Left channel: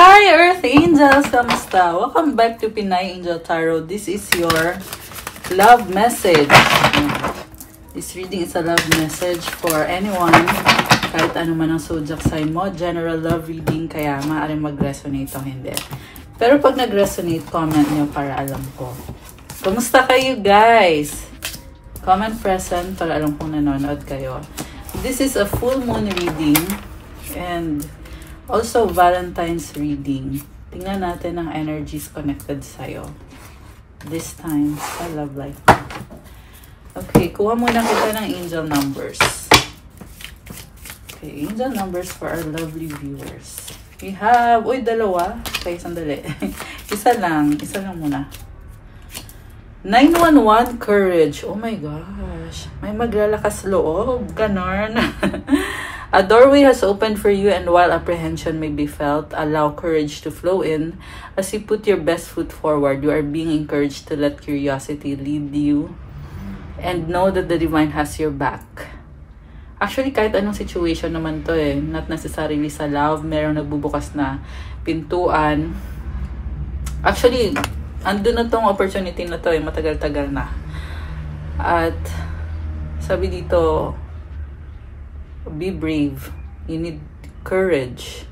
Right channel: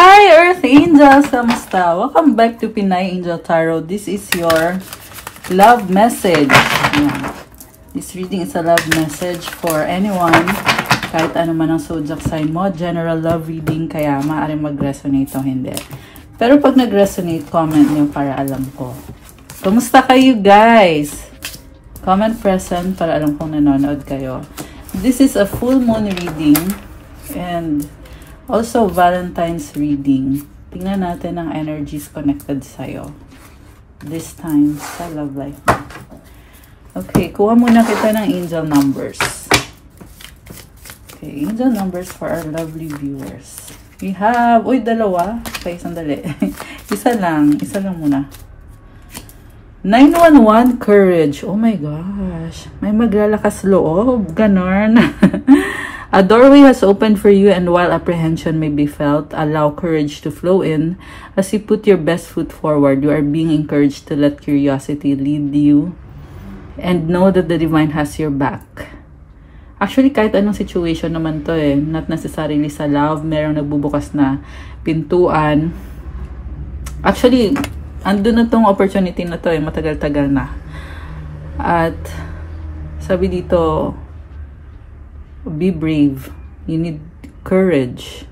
Hi Earth Angels! Kamusta? Welcome back to Pinay Angel Tarot. This is your love message. This reading is a love message for anyone, kahit ano man ang zodiac sign mo. General love reading, kaya maaaring mag-resonate o hindi. Pero pag nag-resonate, comment nyo para alam ko. Kamusta kayo guys? Comment present para alam kong nanonood kayo. This is a full moon reading and also Valentine's reading. Tingnan natin ang energies connected sa'yo. This time sa love life. Okay, kuha muna kita ng angel numbers. Okay, angel numbers for our lovely viewers. We have, uy, dalawa. Okay, sandali. Isa lang muna. 911 courage. Oh my gosh. May maglalakas loob. Ganon. A doorway has opened for you, and while apprehension may be felt, allow courage to flow in. As you put your best foot forward, you are being encouraged to let curiosity lead you and know that the divine has your back. Actually, kahit anong situation naman to not necessarily sa love, merong nagbubukas na pintuan. Actually, andun na tong opportunity na to matagal-tagal na. At sabi dito, be brave. You need courage.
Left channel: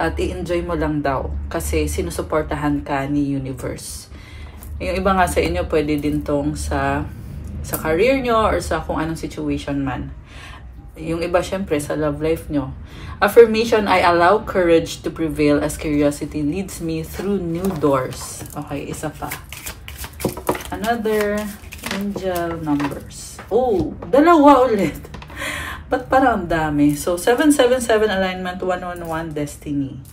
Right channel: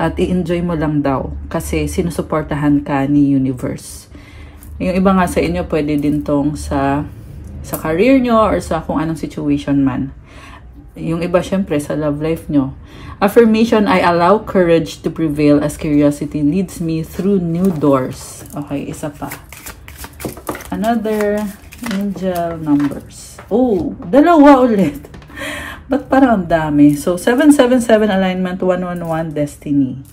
At i-enjoy mo lang daw. Kasi sinusuportahan ka ni universe. Yung iba nga sa inyo, pwede din tong sa career nyo or sa kung anong situation man. Yung iba, syempre, sa love life nyo. Affirmation, I allow courage to prevail as curiosity leads me through new doors. Okay, isa pa. Another angel numbers. Oh, dalawa ulit. Ba't parang dami? So, 777 alignment, 111 destiny.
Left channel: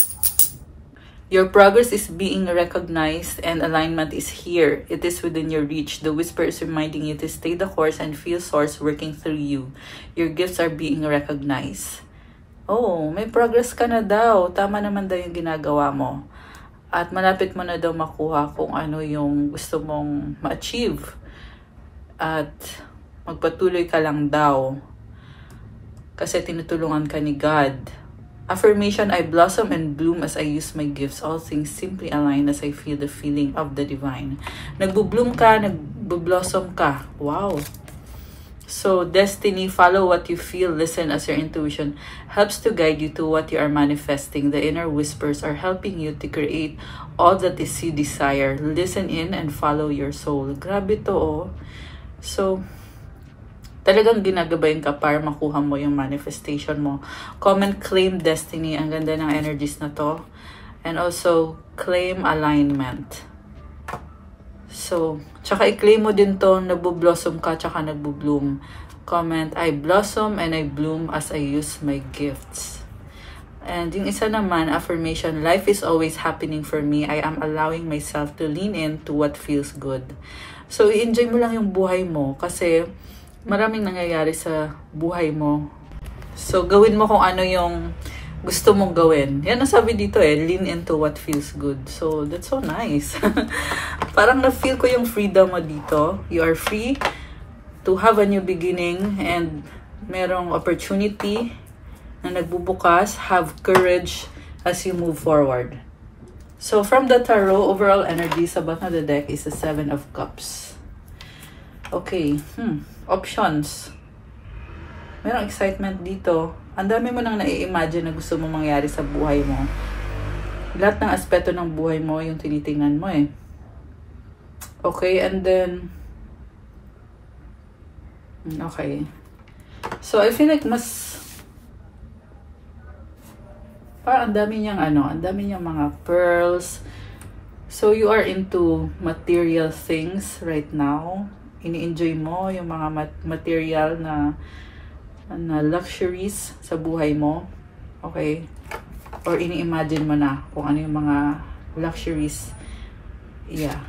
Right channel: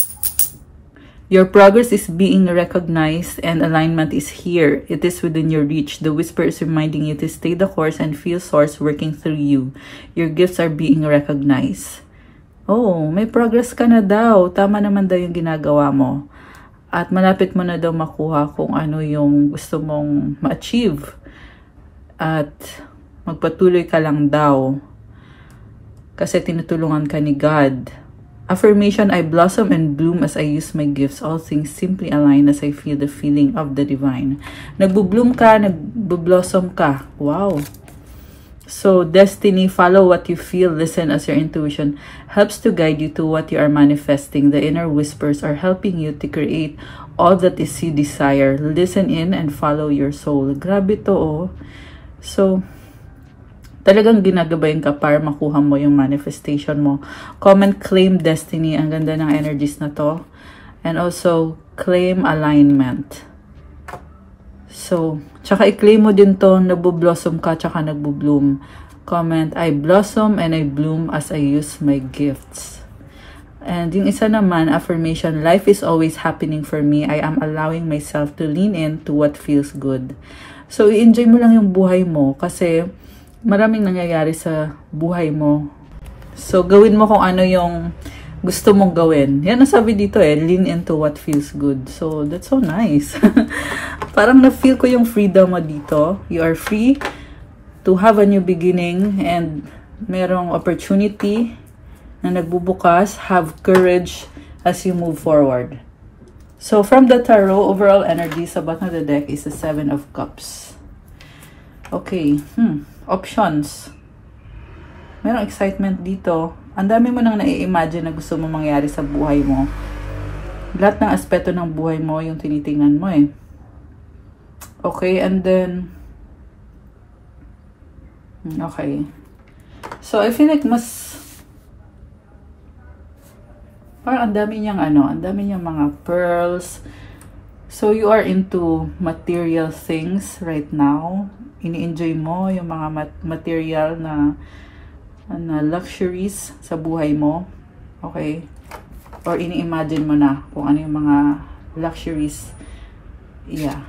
Your progress is being recognized and alignment is here. It is within your reach. The whisper is reminding you to stay the course and feel source working through you. Your gifts are being recognized. Oh, may progress ka na daw. Tama naman daw yung ginagawa mo. At malapit mo na daw makuha kung ano yung gusto mong ma-achieve. At magpatuloy ka lang daw. Kasi tinutulungan ka ni God. Affirmation, I blossom and bloom as I use my gifts. All things simply align as I feel the feeling of the divine. Nagbo-bloom ka, nagbo-blossom ka. Wow. So, destiny, follow what you feel, listen as your intuition helps to guide you to what you are manifesting. The inner whispers are helping you to create all that is you desire. Listen in and follow your soul. Grabe to, oh. So, talagang ginagabayan ka para makuha mo yung manifestation mo. Comment, claim destiny. Ang ganda ng energies na to. And also, claim alignment. So, tsaka i-claim mo din to, nagbo-blossom ka, tsaka nagbo-bloom. Comment, I blossom and I bloom as I use my gifts. And yung isa naman, affirmation, life is always happening for me. I am allowing myself to lean in to what feels good. So, i-enjoy mo lang yung buhay mo kasi maraming nangyayari sa buhay mo. So, gawin mo kung ano yung gusto mong gawin. Yan ang sabi dito lean into what feels good. So, that's so nice. Parang na-feel ko yung freedom mo dito. You are free to have a new beginning and merong opportunity na nagbubukas. Have courage as you move forward. So, from the tarot, overall energy sa bottom of the deck is the 7 of Cups. Okay, options. Merong excitement dito. Ang dami mo nang nai-imagine na gusto mong mangyari sa buhay mo. Lahat ng aspeto ng buhay mo yung tinitingnan mo Okay, and then okay. So, I feel like parang ang dami niyang ang dami niyang mga pearls. So, you are into material things right now. Ini-enjoy mo yung mga material na luxuries sa buhay mo. Okay? Or ini-imagine mo na kung ano yung mga luxuries. Yeah.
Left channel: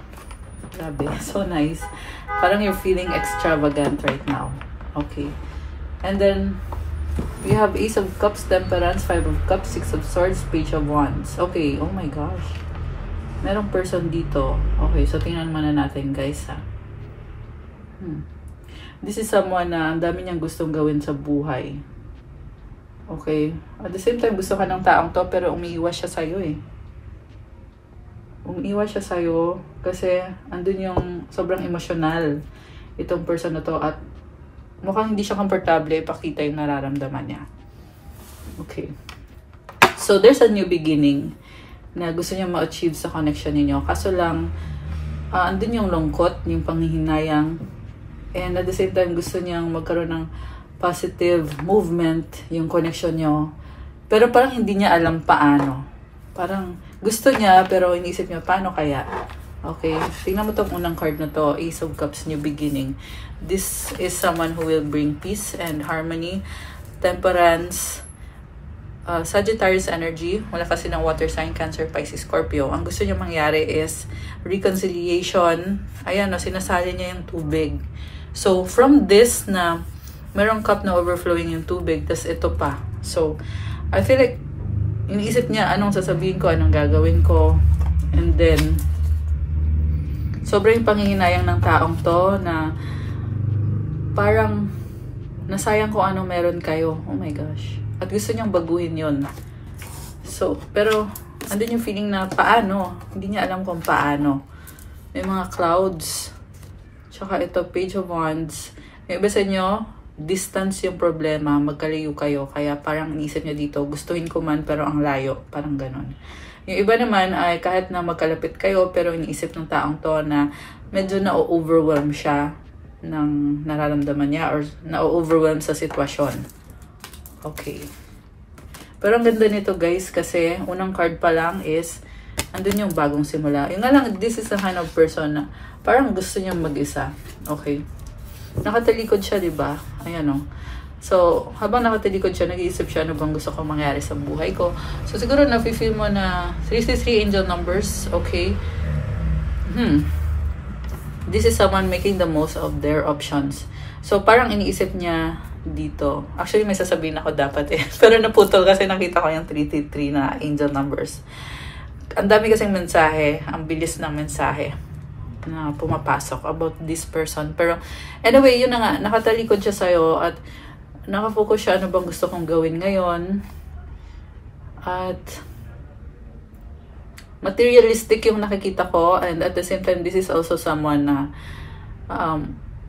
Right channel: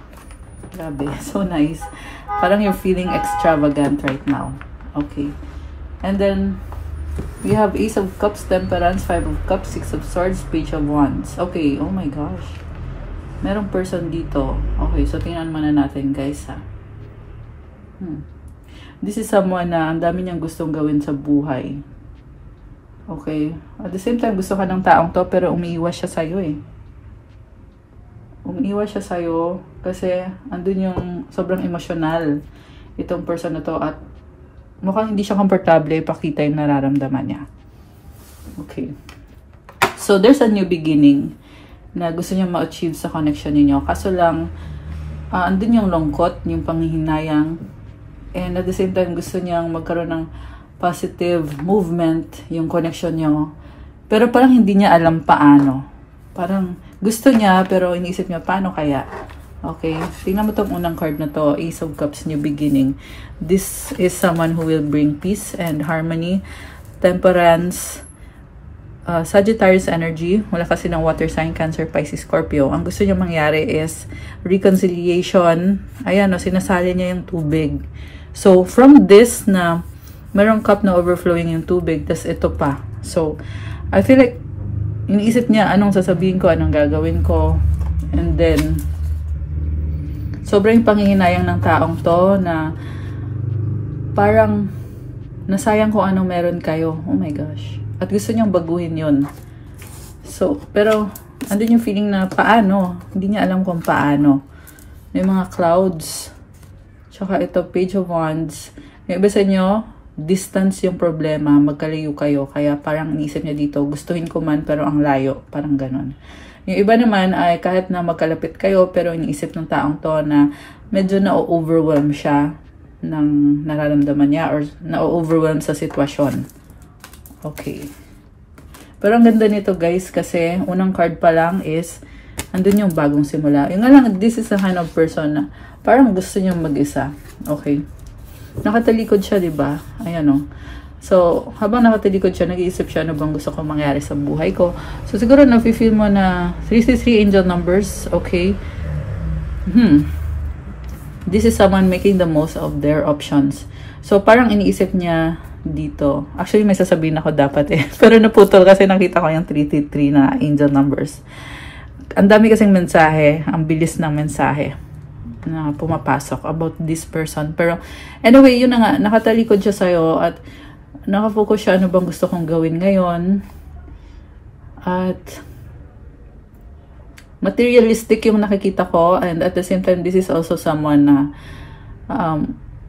Grabe. So nice. Parang you're feeling extravagant right now. Okay. And then, we have Ace of Cups, Temperance, 5 of Cups, 6 of Swords, Page of Wands. Okay. Oh my gosh. Merong person dito. Okay. So, tingnan muna natin guys This is someone na ang dami niyang gustong gawin sa buhay. Okay? At the same time, gusto ka ng taong to, pero umiiwas siya sa'yo eh. Umiiwas siya sa'yo kasi andun yung sobrang emosyonal itong person na to at mukhang hindi siya komportable ipakita yung nararamdaman niya. Okay. So, there's a new beginning na gusto niya ma-achieve sa connection niyo. Kaso lang, andun yung lungkot, yung panghihinayang, and at the same time, gusto niyang magkaroon ng positive movement yung connection niyo. Pero parang hindi niya alam paano. Parang gusto niya, pero inisip niya, paano kaya? Okay, tingnan mo itong unang card na to, Ace of Cups, new beginning. This is someone who will bring peace and harmony, temperance, Sagittarius energy, wala kasi ng water sign, Cancer, Pisces, Scorpio. Ang gusto niya mangyari is reconciliation. Ayan, sinasali niya yung tubig. So, from this na merong cup na overflowing yung tubig, tas ito pa. So, I feel like iniisip niya anong sasabihin ko, anong gagawin ko. And then, sobrang panginginayang ng taong to na parang nasayang kung ano meron kayo. Oh my gosh. At gusto niyang baguhin yun. So, pero, andun yung feeling na paano. Hindi niya alam kung paano. May mga clouds. Tsaka ito, Page of Wands. Yung iba sa inyo, distance yung problema. Magkalayo kayo. Kaya parang inisip niya dito, gustuhin ko man pero ang layo. Parang ganon. Yung iba naman ay kahit na magkalapit kayo, pero iniisip ng taong to na medyo na-overwhelm siya ng nararamdaman niya or na-overwhelm sa sitwasyon. Okay. Pero ang ganda nito guys kasi unang card pa lang is andun yung bagong simula. Yung nga lang, this is a kind of person na parang gusto niyang mag-isa. Okay. Nakatalikod siya, diba? Ayan o. So, habang nakatalikod siya, nag-iisip siya ano bang gusto kong mangyari sa buhay ko. So, siguro na-feel mo na 33 angel numbers. Okay. This is someone making the most of their options. So, parang iniisip niya dito. Actually, may sasabihin ako dapat eh. Pero naputol kasi nakita ko yung 333 na angel numbers. Ang dami kasing mensahe. Ang bilis ng mensahe na pumapasok about this person. Pero, anyway, yun na nga. Nakatalikod siya sa'yo at nakafocus siya ano bang gusto kong gawin ngayon. At materialistic yung nakikita ko. And at the same time, this is also someone na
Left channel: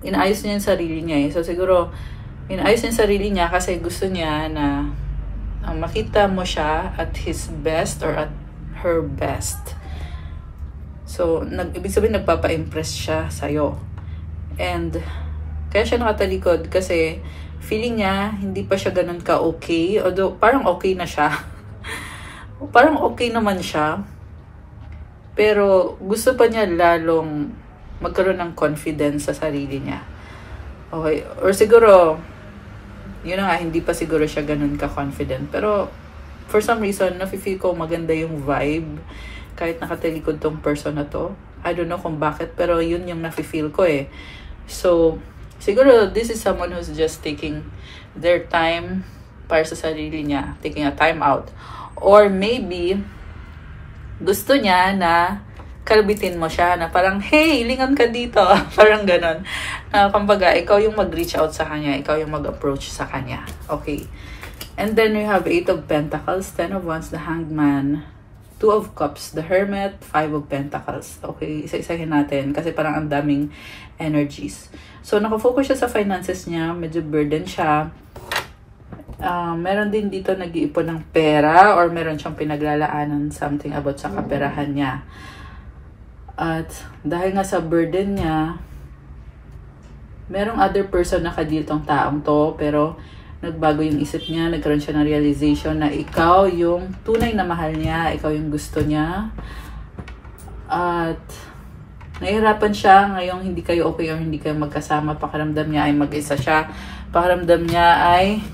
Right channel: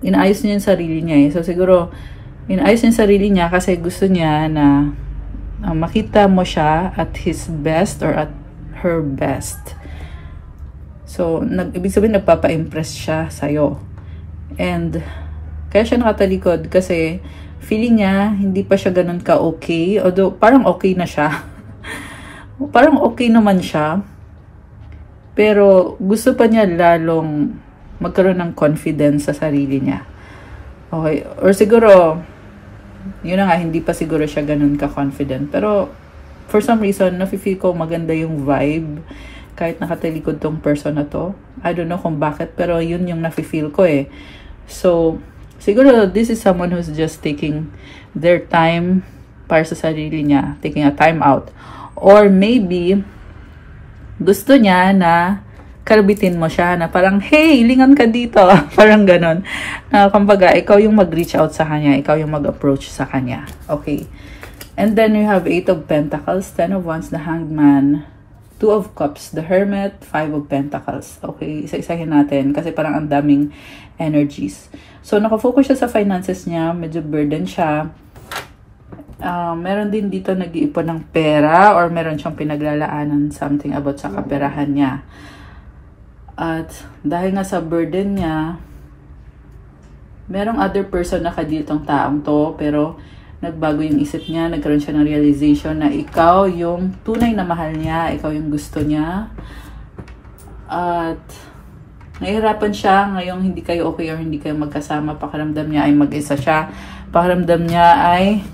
inaayos niya yung sarili niya eh. So, siguro, inaayos niya yung sarili niya kasi gusto niya na makita mo siya at his best or at her best. So, ibig sabihin nagpapa-impress siya sa'yo. And, kaya siya nakatalikod kasi feeling niya hindi pa siya ganun ka-okay. Although, parang okay na siya. Parang okay naman siya. Pero, gusto pa niya lalong magkaroon ng confidence sa sarili niya. Okay. Or siguro, yun na nga, hindi pa siguro siya ganun ka-confident. Pero, for some reason, nafe-feel ko maganda yung vibe. Kahit nakatalikod tong person na to. I don't know kung bakit, pero yun yung nafe-feel ko eh. So, siguro, this is someone who's just taking their time para sa sarili niya. Taking a time out. Or maybe, gusto niya na kalabitin mo siya na parang, hey, lingon ka dito. Parang ganon. Kumbaga, ikaw yung mag-reach out sa kanya. Ikaw yung mag-approach sa kanya. Okay. And then we have 8 of Pentacles, 10 of Wands, the Hanged Man, 2 of Cups, the Hermit, 5 of Pentacles. Okay, isa-isahin natin kasi parang ang daming energies. So, nakafocus siya sa finances niya. Medyo burden siya. Meron din dito nag-iipon ng pera or meron siyang pinaglalaanan something about sa kaperahan niya. At dahil nga sa burden niya, merong other person na kaditong taong to, pero nagbago yung isip niya, nagkaroon siya ng realization na ikaw yung tunay na mahal niya, ikaw yung gusto niya. At nahihirapan siya ngayong hindi kayo okay or hindi kayo magkasama. Pakiramdam niya ay mag-isa siya. Pakiramdam niya ay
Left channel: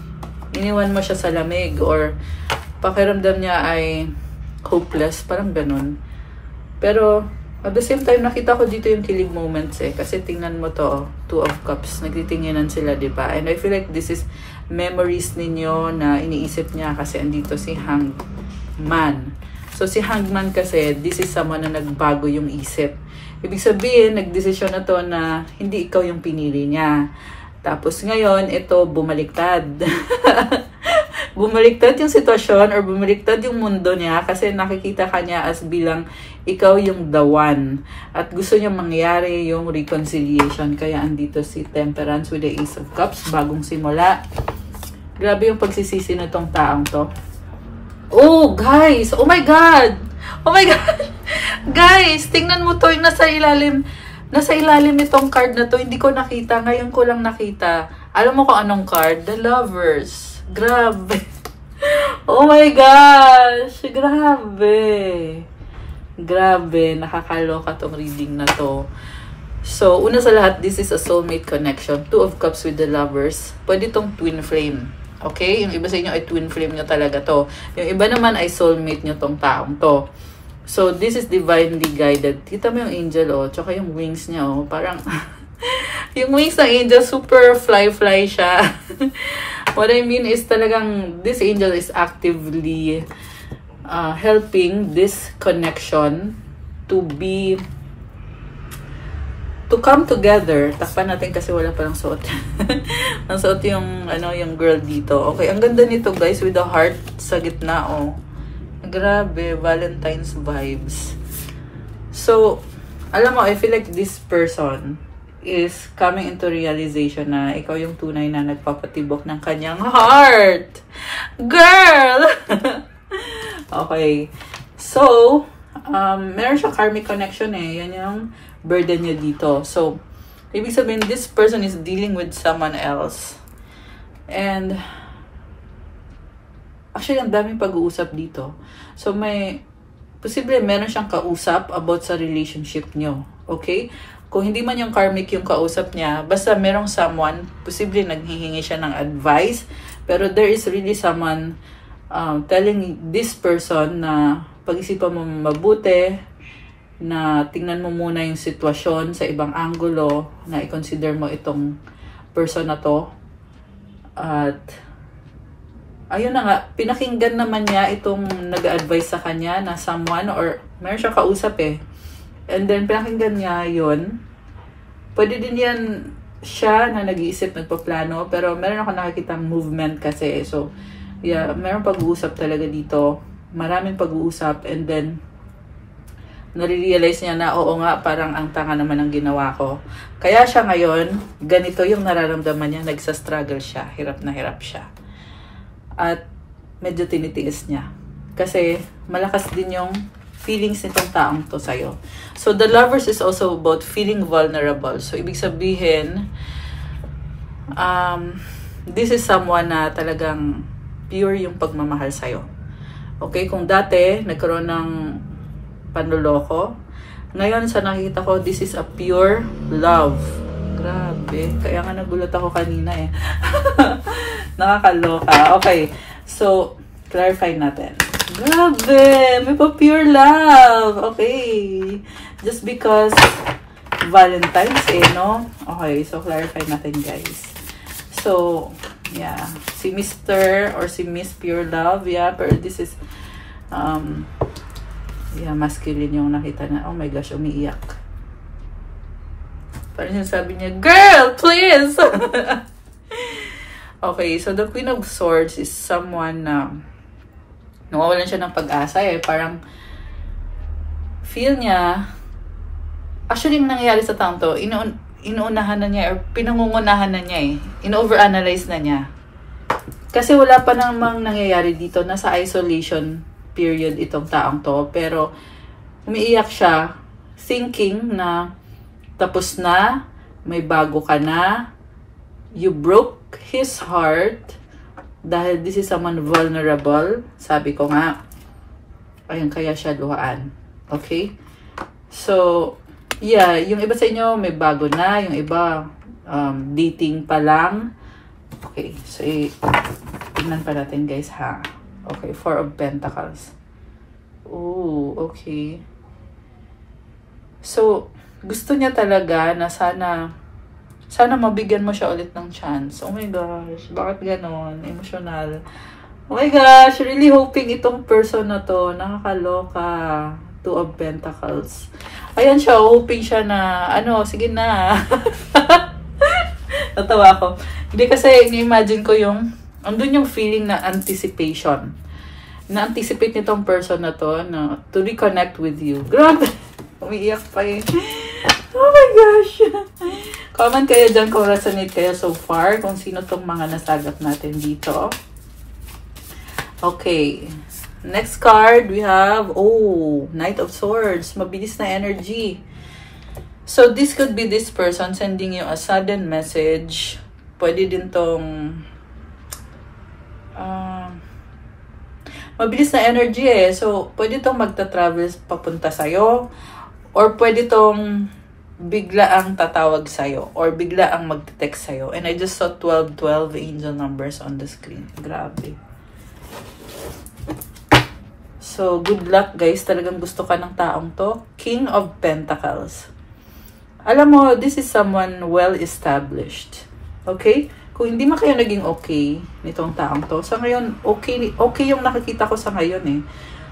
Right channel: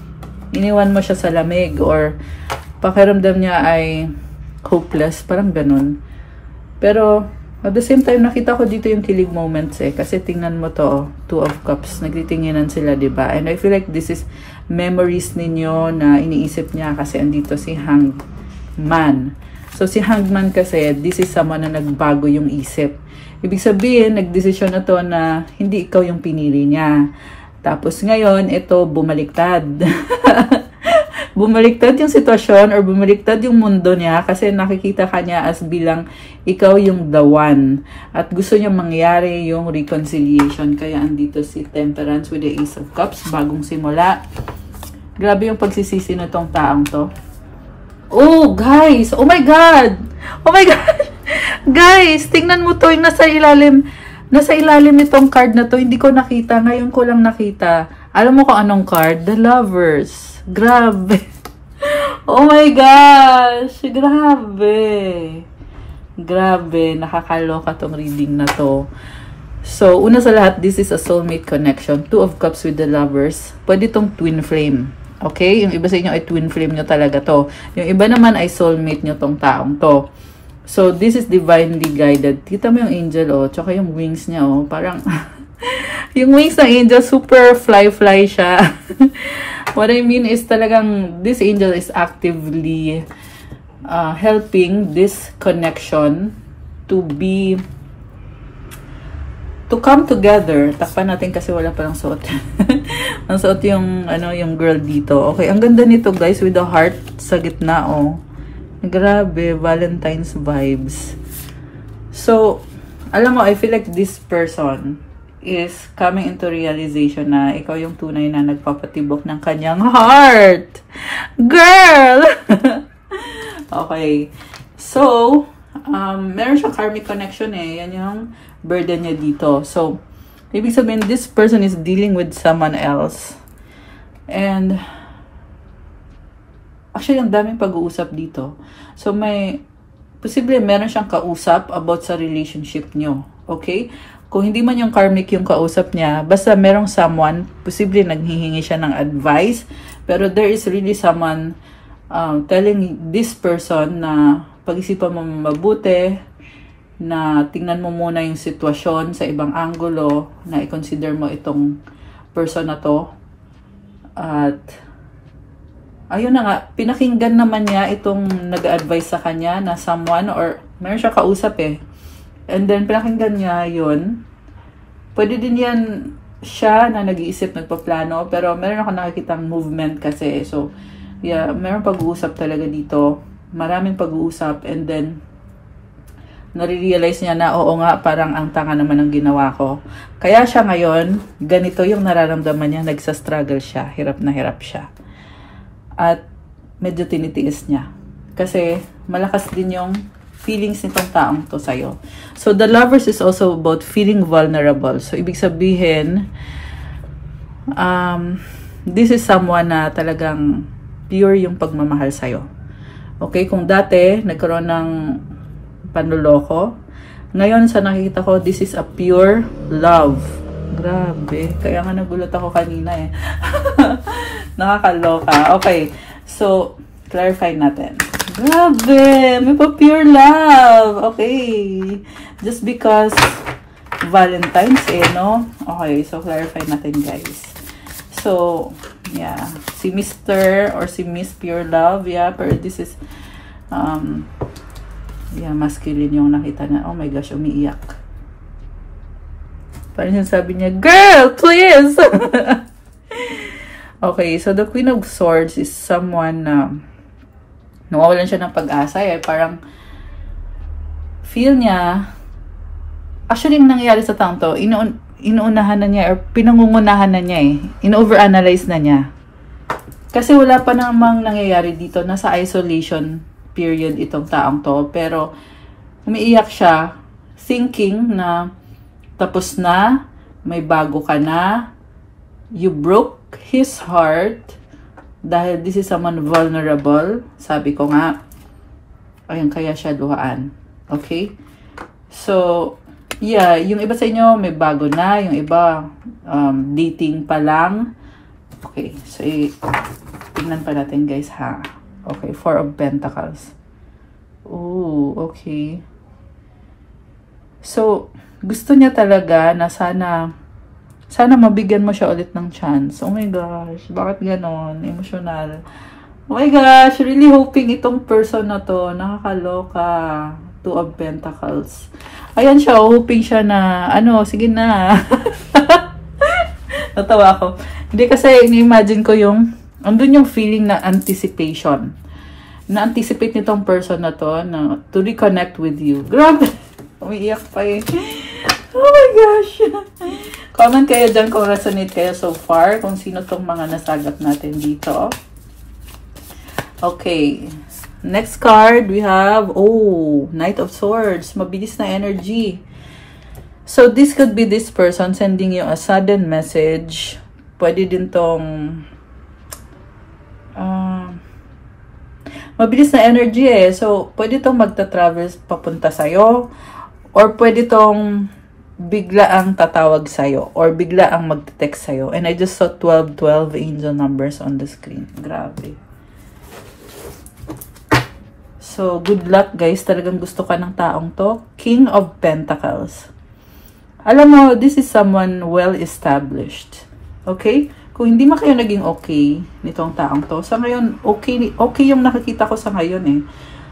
iniwan mo siya sa lamig or pakiramdam niya ay hopeless. Parang ganun. Pero at the same time, nakita ko dito yung kilig moments eh. Kasi tingnan mo to, 2 of Cups. Nagtitinginan sila, diba? And I feel like this is memories ninyo na iniisip niya kasi andito si Hanged Man. So, si Hanged Man kasi, this is someone na nagbago yung isip. Ibig sabihin, nagdesisyon na to na hindi ikaw yung pinili niya. Tapos ngayon, ito bumaliktad. bumaliktad yung sitwasyon or bumaliktad yung mundo niya kasi nakikita ka niya as bilang ikaw yung the one. At gusto niya mangyari yung reconciliation. Kaya andito si Temperance with the Ace of Cups, bagong simula. Grabe yung pagsisisi na tong taong to. Oh, guys! Oh my God! Oh my God! Guys, tingnan mo to yung nasa ilalim. Nasa ilalim nitong card na to. Hindi ko nakita. Ngayon ko lang nakita. Alam mo kung anong card? The Lovers. Grabe. Oh my gosh! Grabe. Grabe. Nakakaloka tong reading na to. So, una sa lahat, this is a soulmate connection. Two of Cups with the Lovers. Pwede tong twin flame. Okay? Yung iba sa inyo ay twin flame nyo talaga to. Yung iba naman ay soulmate nyo tong taong to. So, this is divinely guided. Kita mo yung angel, oh. Tsaka yung wings niya, oh. Parang, yung wings ng angel, super fly-fly siya. What I mean is talagang, this angel is actively helping this connection to come together. Takpan natin kasi wala palang suot. Ang suot yung, yung girl dito. Okay, ang ganda nito guys, with the heart sa gitna, oh. Grabe, Valentine's vibes. So, alam mo, I feel like this person is coming into realization na ikaw yung tunay na nagpapatibok ng kanyang heart. Girl! Okay. So, meron siyang karmic connection eh. Yan yung burden niya dito. So, ibig sabihin, this person is dealing with someone else. And, actually, ang daming pag-uusap dito. So, posible meron siyang kausap about sa relationship nyo. Okay? Kung hindi man yung karmic yung kausap niya, basta merong someone, posible naghihingi siya ng advice, pero there is really someone telling this person na pag-isipan mo mabuti, na tingnan mo muna yung sitwasyon sa ibang anggulo, na i-consider mo itong person na to. At ayun na nga, pinakinggan naman niya itong nag-advise sa kanya na someone or meron siya kausap eh. And then, pinakinggan niya yun. Pwede din yan siya na nag-iisip, nagpaplano, pero meron ako nakikitang movement kasi. So, yeah, meron pag-uusap talaga dito. Maraming pag-uusap and then, nare-realize niya na, oo nga, parang ang tanga naman ang ginawa ko. Kaya siya ngayon, ganito yung nararamdaman niya, nagsa-struggle siya, hirap na hirap siya. At medyo tinitiis niya. Kasi malakas din yung feelings nitong taong to sa'yo. So, the Lovers is also about feeling vulnerable. So, ibig sabihin, this is someone na talagang pure yung pagmamahal sa'yo. Okay? Kung dati, nagkaroon ng panluloko, ngayon sa nakikita ko, this is a pure love. Grabe. Kaya nga nagulat ako kanina eh. Nakakaloka. Okay. So, clarify natin. Grabe! May pa pure love. Okay. Just because Valentine's eh, no? Okay. So, clarify natin guys. So, yeah. Si Mr. or si Miss Pure Love. Yeah. Pero this is yeah, masculine yung nakita na. Oh my gosh, umiiyak. Parang yung sabi niya, girl, please! Okay, so the Queen of Swords is someone na nawawalan siya ng pag-asa. Eh. Parang feel niya, actually nangyayari sa taong to, inuunahan na niya, or pinangungunahan na niya eh. In-overanalyze na niya. Kasi wala pa namang nangyayari dito. Nasa isolation period itong taong to. Pero umiiyak siya, thinking na tapos na, may bago ka na, you broke his heart, dahil this is someone vulnerable, sabi ko nga, ayun, kaya siya luhaan. Okay? So, yeah, yung iba sa inyo, may bago na, yung iba, dating pa lang. Okay, so, tingnan pa natin guys ha. Okay, Four of Pentacles. Ooh, okay. So, gusto niya talaga na sana mabigyan mo siya ulit ng chance. Oh my gosh, bakit ganon? Emotional. Oh my gosh, really hoping itong person na to, nakakaloka. Two of Pentacles. Ayan siya, hoping siya na, sige na. Natawa ako. Hindi kasi, ini-imagine ko yung andun yung feeling na anticipation. Na-anticipate nitong person na to na to reconnect with you. Grabe! Umiiyak pa eh. Oh my gosh! Comment kayo dyan kung resonate kayo so far. Kung sino tong mga nasagap natin dito. Okay. Next card, we have, Knight of Swords. Mabilis na energy. So, this could be this person sending you a sudden message. Pwede din tong mabilis na energy eh. So, pwede tong magta-travel papunta sa'yo. Or pwede tong bigla ang tatawag sa'yo. Or bigla ang magte-text sa'yo. And I just saw 12 angel numbers on the screen. Grabe. So, good luck guys. Talagang gusto ka ng taong to. King of Pentacles. Alam mo, this is someone well-established. Okay? Kung hindi man kayo naging okay nitong taong to, sa ngayon, okay yung nakikita ko sa ngayon eh.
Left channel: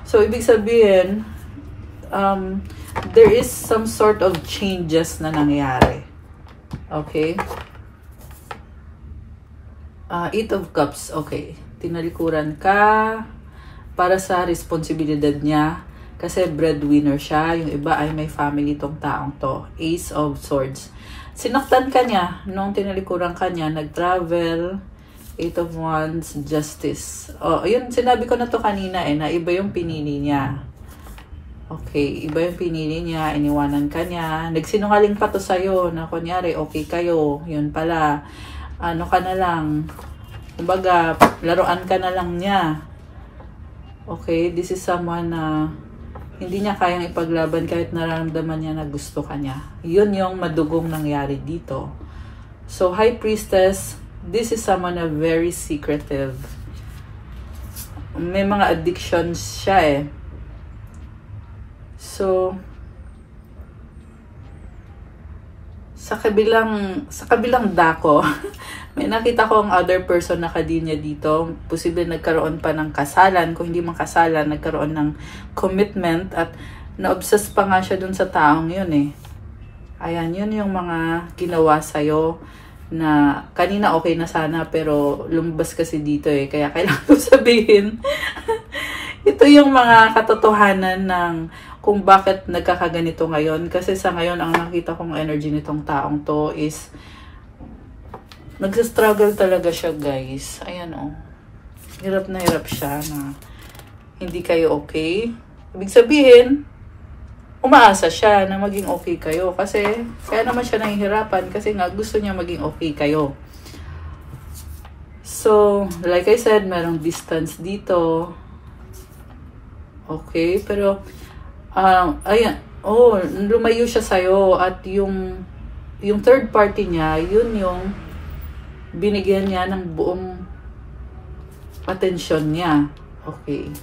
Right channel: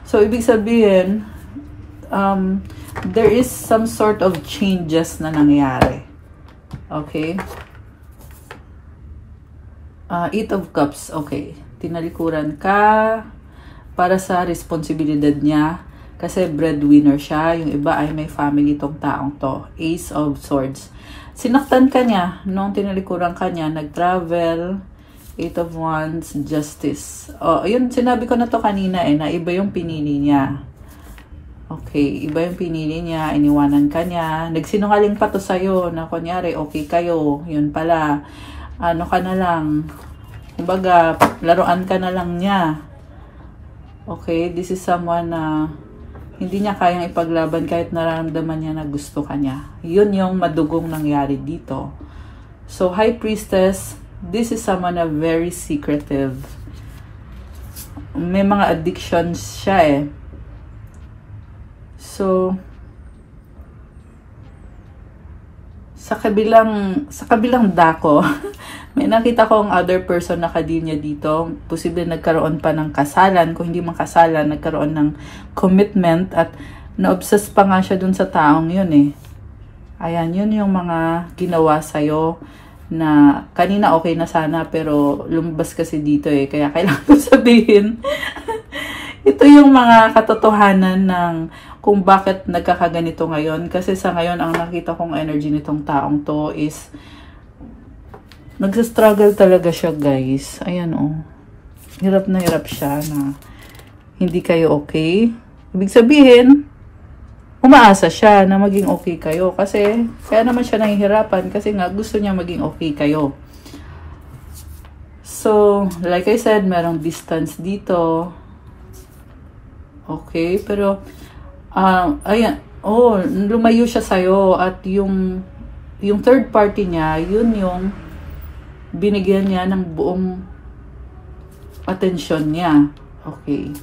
So, ibig sabihin, there is some sort of changes na nangyari. Okay? Eight of Cups. Okay. Tinalikuran ka para sa responsibilidad niya. Kasi breadwinner siya. Yung iba ay may family tong taong to. Ace of Swords. Sinaktan ka niya nung tinalikuran ka niya, nag-travel, 8 of Wands, Justice. Ayun, sinabi ko na to kanina eh, na iba yung pinili niya. Okay, iba yung pinili niya, iniwanan ka niya. Nagsinungaling pa to sa'yo na kunyari, okay kayo, yun pala, ano ka na lang, kumbaga, laruan ka na lang niya. Okay, this is someone na hindi niya kayang ipaglaban kahit nararamdaman niya na gusto ka niya. Yun yung madugong nangyari dito. So, High Priestess, this is someone na very secretive. May mga addictions siya eh. So, sa kabilang dako, may nakita ko ang other person na kadinya dito. Posible nagkaroon pa ng kasalan. Kung hindi man kasalan, nagkaroon ng commitment at na-obsess pa nga siya dun sa taong yun eh. Ayan, yun yung mga ginawa sa'yo na kanina okay na sana pero lumabas kasi dito eh. Kaya kailangan ko sabihin. Ito yung mga katotohanan ng kung bakit nagkakaganito ngayon. Kasi sa ngayon, ang nakita kong energy nitong taong to is nagsastruggle talaga siya, guys. Ayan, oh. Hirap na hirap siya na hindi kayo okay. Ibig sabihin, umaasa siya na maging okay kayo. Kasi, kaya naman siya nahihirapan kasi nga gusto niya maging okay kayo. So, like I said, merong distance dito. Okay, pero ayan, lumayo siya sa'yo at yung third party niya, yun yung binigyan niya ng buong atensyon niya. Okay.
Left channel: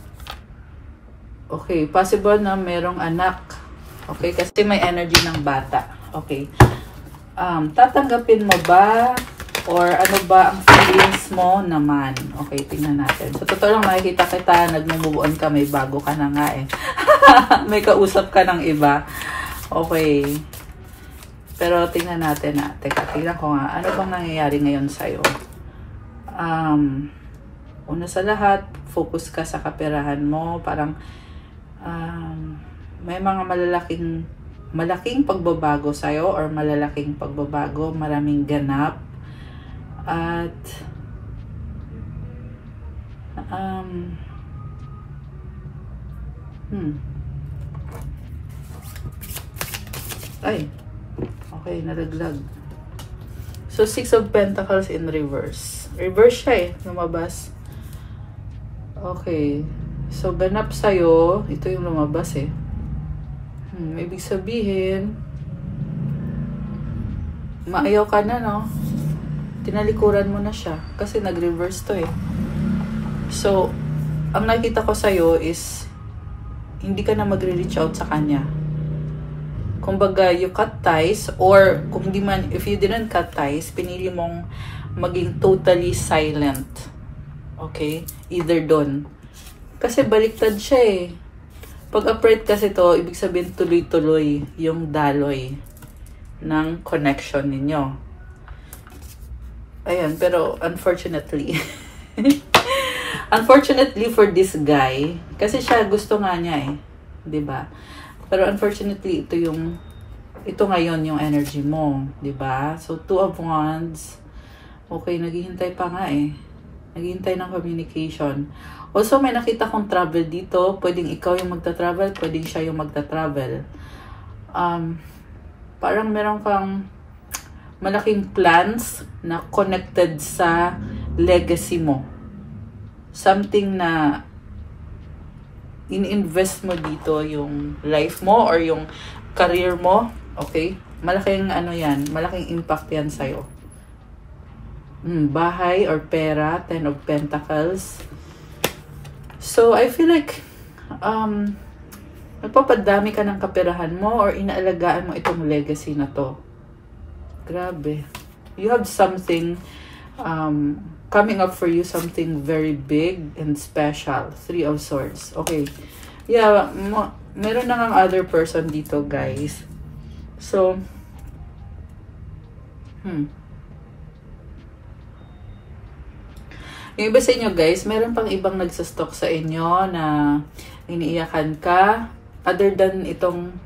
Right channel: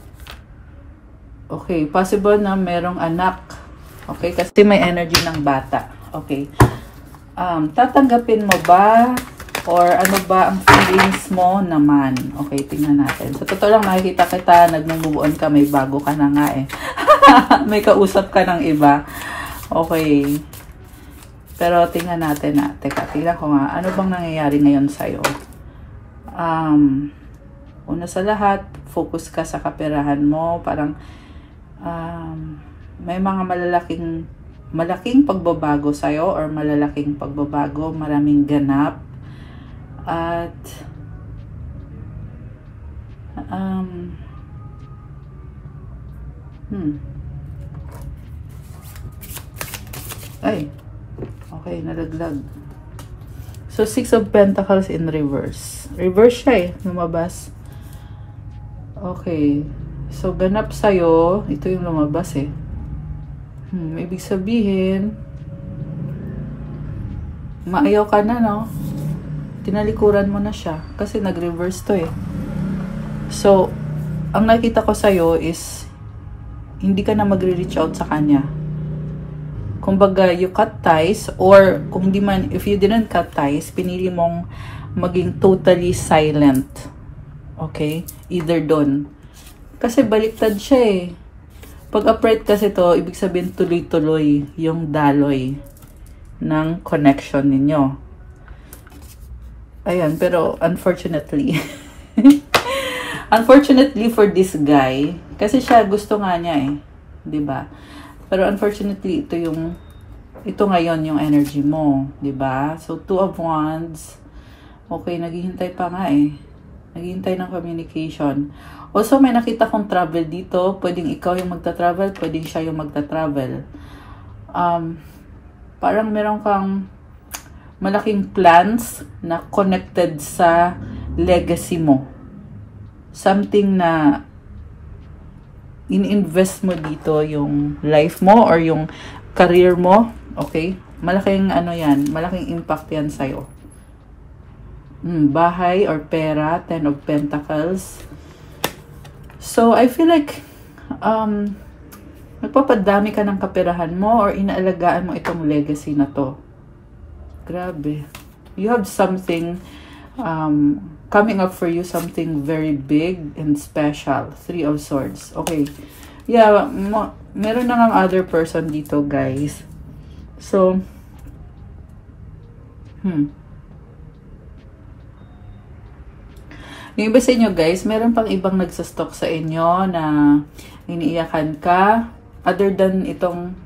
Okay, possible na merong anak. Okay, kasi may energy ng bata. Okay. Tatanggapin mo ba? Or ano ba ang feelings mo naman? Okay, tingnan natin. So, totoo lang makikita kita, nag-move on ka, may bago ka na nga eh. May kausap ka ng iba. Okay. Pero tingnan natin na. Teka, tingnan ko nga. Ano bang nangyayari ngayon sa'yo? Una sa lahat, focus ka sa kaperahan mo. Parang may mga malaking pagbabago sa'yo or malalaking pagbabago, maraming ganap. At ay, okay, nalaglag. So, 6 of Pentacles in reverse. Reverse siya eh, lumabas. Okay. So, ganap sa'yo. Ito yung lumabas eh. Ibig sabihin, maayaw ka na, no? Tinalikuran mo na siya. Kasi nag-reverse to eh. So, ang nakita ko sa'yo is, hindi ka na magre-reach out sa kanya. Kumbaga, you cut ties, or kung hindi man, if you didn't cut ties, pinili mong maging totally silent. Okay? Either done. Kasi baliktad siya eh. Pag upright kasi to, ibig sabihin tuloy-tuloy yung daloy ng connection ninyo. Ayan, pero unfortunately, Unfortunately for this guy, kasi siya gusto nga niya eh. 'Di ba? Pero unfortunately, ito ngayon yung energy mo. 'Di ba? So, Two of Wands. Okay, naghihintay pa nga eh. Naghihintay ng communication. Also, may nakita kong travel dito. Pwedeng ikaw yung magta-travel, pwedeng siya yung magta-travel. Parang meron kang malaking plans na connected sa legacy mo. Something na in-invest mo dito yung life mo or yung career mo. Okay? Malaking ano yan, malaking impact yan sa'yo. Bahay or pera, Ten of Pentacles. So, I feel like nagpapadami ka ng kaperahan mo or inaalagaan mo itong legacy na to. Grabe. You have something coming up for you, something very big and special. Three of Swords. Okay. Yeah, meron na ng other person dito, guys. So, yung iba sa inyo guys, meron pang ibang nagsastock sa inyo na iniiyakan ka other than itong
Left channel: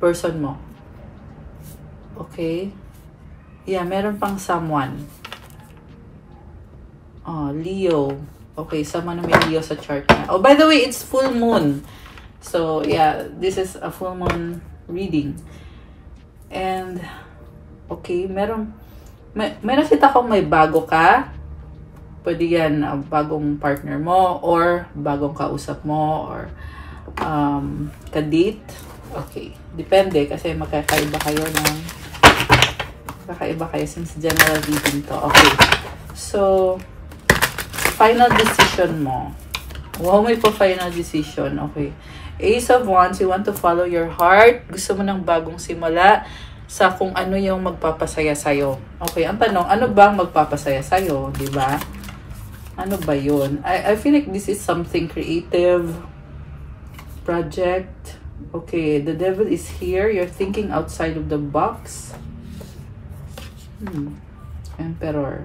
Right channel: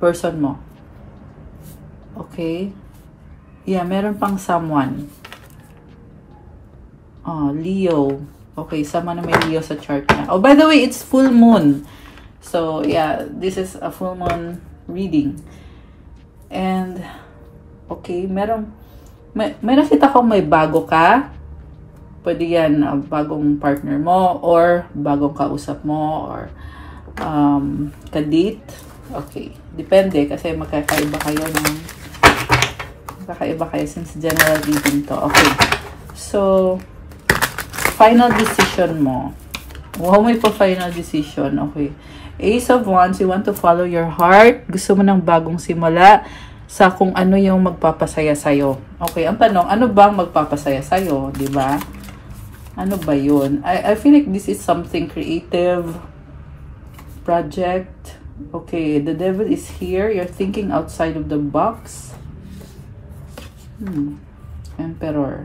person mo. Okay? Yeah, meron pang someone. Oh, Leo. Okay, sama na may Leo sa chart niya. Oh, by the way, it's full moon. So, yeah, this is a full moon reading. And, okay, may nakita ko may bago ka. Pwede yan bagong partner mo or bagong kausap mo or ka-date. Okay. Depende kasi magkakaiba kayo since general reading to. Okay. So, final decision mo. May final decision. Okay. Ace of Wands, you want to follow your heart. Gusto mo ng bagong simula sa kung ano yung magpapasaya sa'yo. Okay. Ang tanong, ano bang magpapasaya sa'yo? Diba? Ano ba yun? I feel like this is something creative project. Okay, the devil is here. You're thinking outside of the box. Emperor.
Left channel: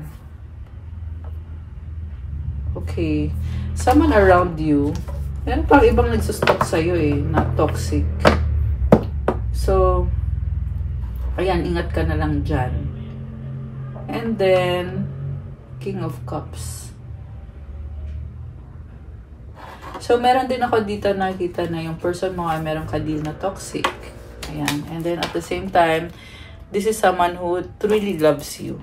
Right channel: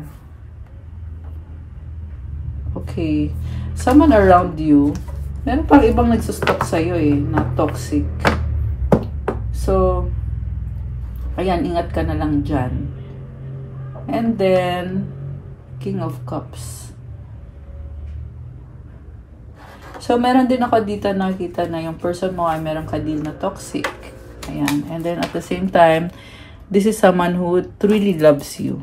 Okay. Someone around you. Meron pang ibang nagsustok sa'yo eh, na toxic. So, ayan, ingat ka na lang dyan. And then, King of Cups. So, meron din ako dito nakita na yung person mo ay meron ka-deal na toxic. Ayan. And then, at the same time, this is someone who truly loves you.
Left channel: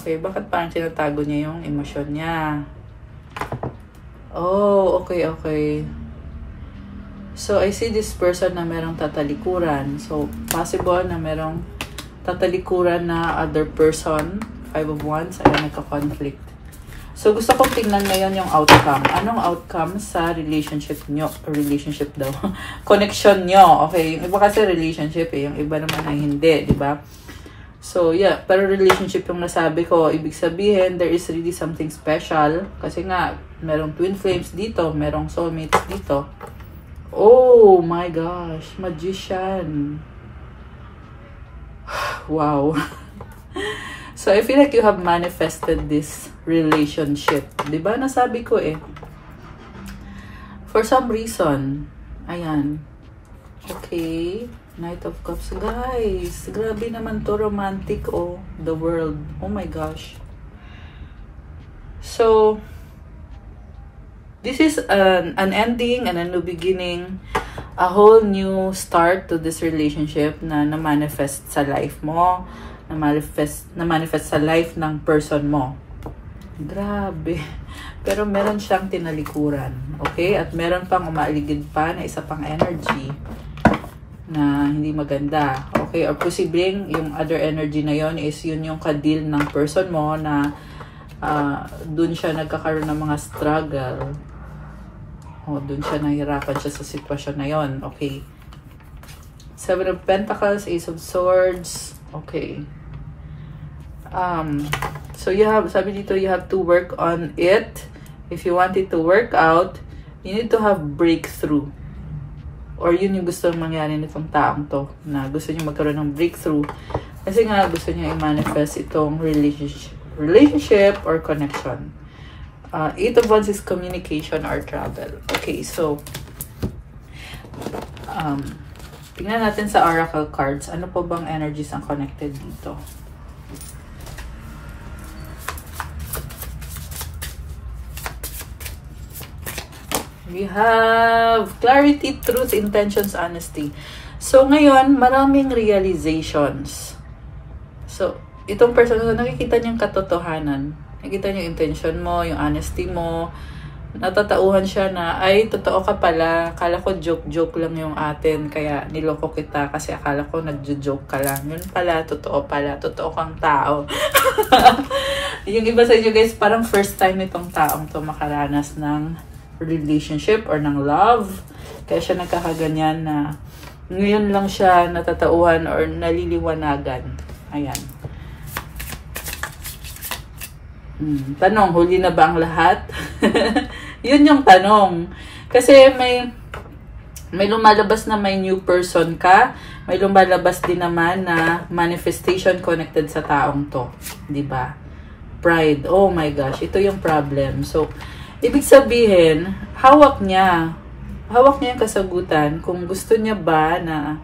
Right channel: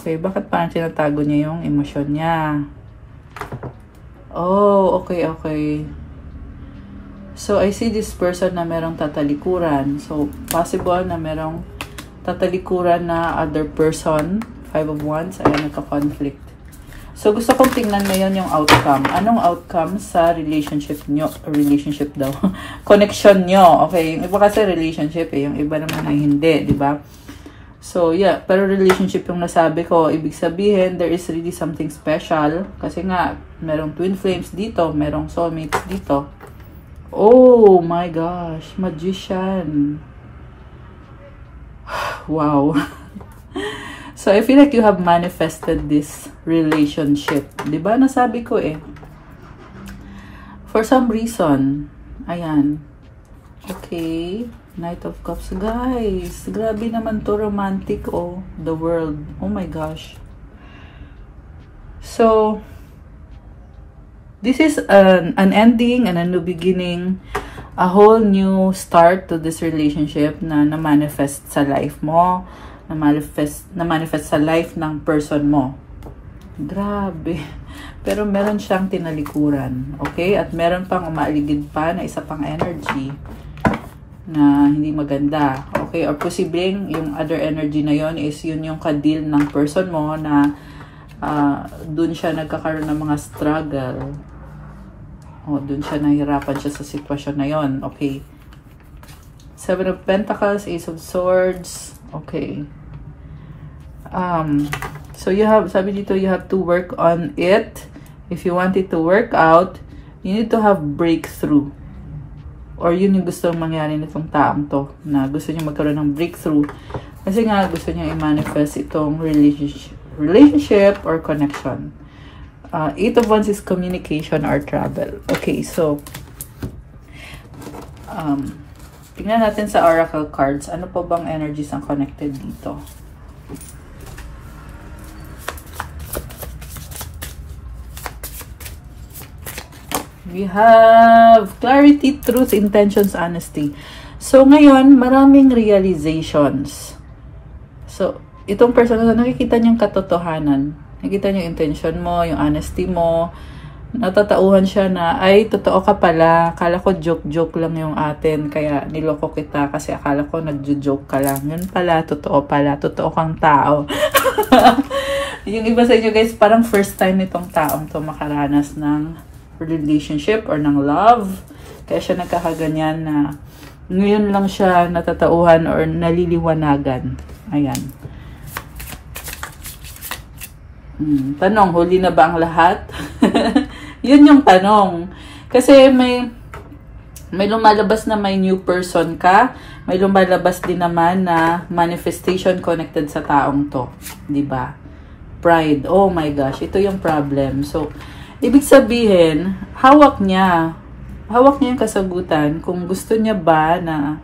Okay. Bakit parang tinatago niya yung emosyon niya? Oh, okay. So, I see this person na merong tatalikuran. So, possible na merong tatalikuran na other person. Five of Wands. Ay, nagka-conflict. So, gusto kong tingnan ngayon yung outcome. Anong outcome sa relationship nyo? Relationship daw. Connection nyo. Okay, yung iba kasi relationship eh. Yung iba naman ay hindi, di ba? So, yeah. Pero relationship yung nasabi ko. Ibig sabihin, there is really something special. Kasi nga, merong twin flames dito. Merong soulmate dito. Oh my gosh. Magician. Wow. So, I feel like you have manifested this relationship. Diba? Nasabi ko eh. For some reason. Ayan. Okay. Knight of Cups. Guys, grabe naman to romantic oh. The world. Oh my gosh. So, this is an ending and a new beginning. A whole new start to this relationship na na-manifest sa life mo. Na-manifest sa life ng person mo. Grabe. Pero meron siyang tinalikuran. Okay? At meron pang umaaligid pa na isa pang energy na hindi maganda. Okay? Or posibleng yung other energy na yon is yun yung ka-deal ng person mo na dun siya nagkakaroon ng mga struggle. O, dun siya nahihirapan siya sa sitwasyon na yon. Okay? Seven of Pentacles, Ace of Swords. Okay. So you have, sabi dito, you have to work on it. If you want it to work out, you need to have breakthrough. Or yun yung gusto mangyari nitong taong to, na gusto niya magkaroon ng breakthrough. Kasi nga, gusto niya i-manifest itong relationship or connection. Eight of Wands is communication or travel. Okay, so tingnan natin sa oracle cards. Ano po bang energies ang connected dito? We have clarity, truth, intentions, honesty. So, ngayon, maraming realizations. So, itong person na nakikita niyang katotohanan. Nakikita niya yung intention mo, yung honesty mo. Natatauhan siya na, ay, totoo ka pala. Akala ko joke-joke lang yung atin. Kaya niloko kita kasi akala ko nagjo-joke ka lang. Yun pala, totoo pala. Totoo kang tao. Yung iba sa inyo guys, parang first time itong taong to makaranas ng relationship or ng love. Kaya siya nagkakaganyan na ngayon lang siya natatauhan or naliliwanagan. Ayan. Tanong, huli na ba ang lahat? Yun yung tanong. Kasi may lumalabas na may new person ka. May lumalabas din naman na manifestation connected sa taong to. Diba? Pride. Oh my gosh. Ito yung problem. So, ibig sabihin, hawak niya yung kasagutan kung gusto niya ba na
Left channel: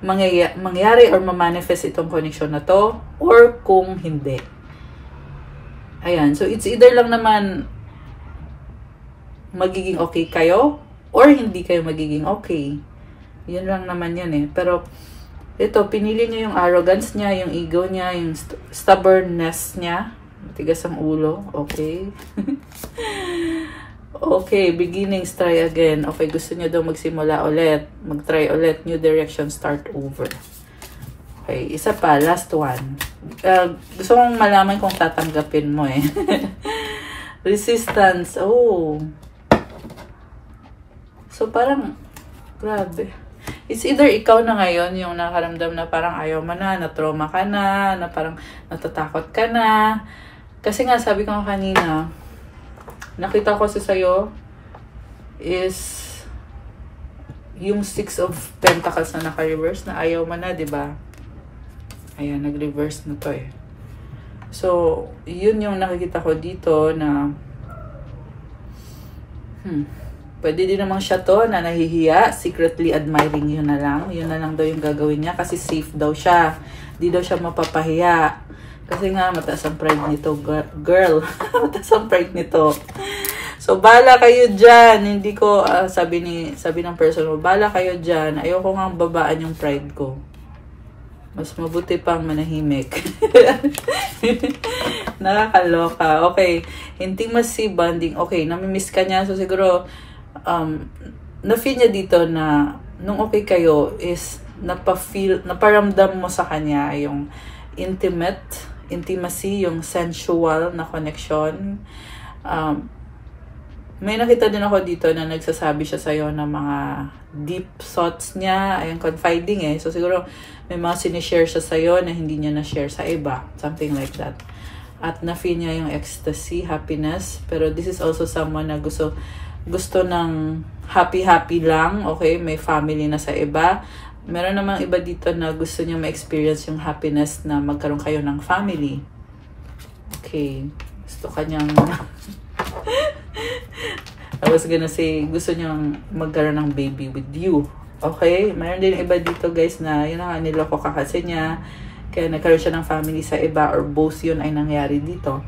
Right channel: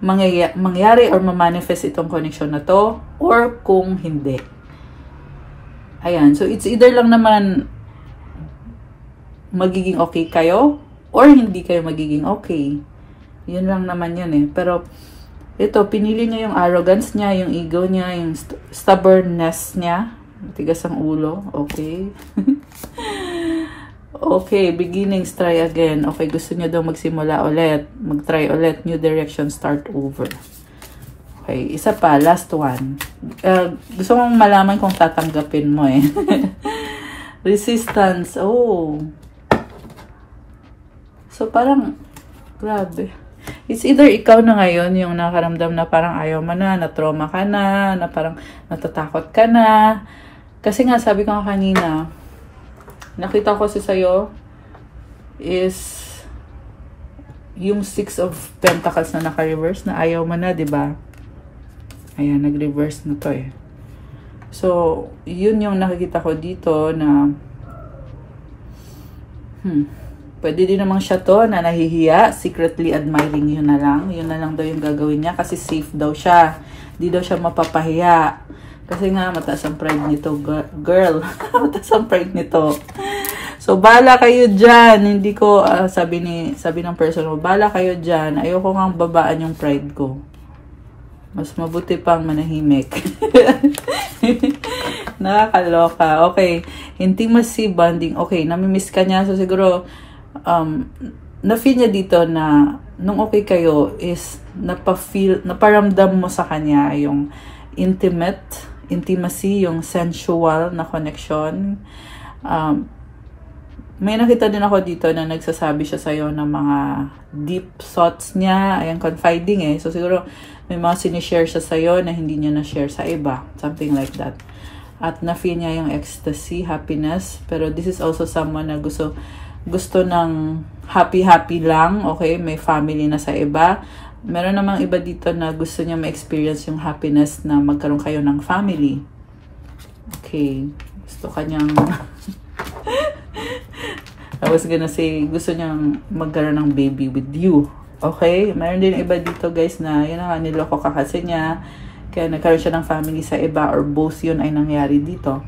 mangyari or ma-manifest itong connection na to or kung hindi. Ayan, so it's either lang naman magiging okay kayo or hindi kayo magiging okay. Yun lang naman yan eh. Pero ito, pinili niya yung arrogance niya, yung ego niya, yung stubbornness niya. Tigas ang ulo. Okay. Okay, beginnings, try again. Okay, gusto niya daw magsimula ulit. Mag-try ulit. New direction, start over. Okay, isa pa. Last one. Gusto kong malaman kung tatanggapin mo eh. Resistance. Oh. So, parang, grabe. It's either ikaw na ngayon yung nakaramdam na parang ayaw mo na trauma ka na parang natatakot ka na. Kasi nga, sabi ko nga kanina, nakita ko kasi sa'yo is yung 6 of Pentacles na naka-reverse na ayaw mo na, diba? Ayan, nag-reverse na to eh. So, yun yung nakikita ko dito na pwede din naman siya to na nahihiya, secretly admiring you na lang. Yun na lang daw yung gagawin niya kasi safe daw siya. Di daw siya mapapahiya. Kasi nga, mataas ang pride nito, girl. Mataas ang pride nito. So, bala kayo dyan. Hindi ko, sabi ng person mo, bala kayo dyan. Ayoko nga babaan yung pride ko. Mas mabuti pang manahimik. Nakakaloka. Okay. Intimacy, bonding. Okay, namimiss ka niya. So, siguro, na-feel niya dito na nung okay kayo is naparamdam mo sa kanya yung intimacy, yung sensual na connection. May nakita din ako dito na nagsasabi siya sa'yo ng mga deep thoughts niya. Ayan, confiding eh. So, siguro may mga sinishare siya sa'yo na hindi niya na-share sa iba. Something like that. At na-feel niya yung ecstasy, happiness. Pero this is also someone na gusto ng happy lang. Okay, may family na sa iba. Meron namang iba dito na gusto niya ma-experience yung happiness na magkaroon kayo ng family. Okay. Gusto kanyang I was gonna say, gusto niyang magkaroon ng baby with you. Okay? Meron din iba dito guys na yun nga, niloko ka kasi niya. Kaya nagkaroon siya ng family sa iba or both yun ay nangyari dito.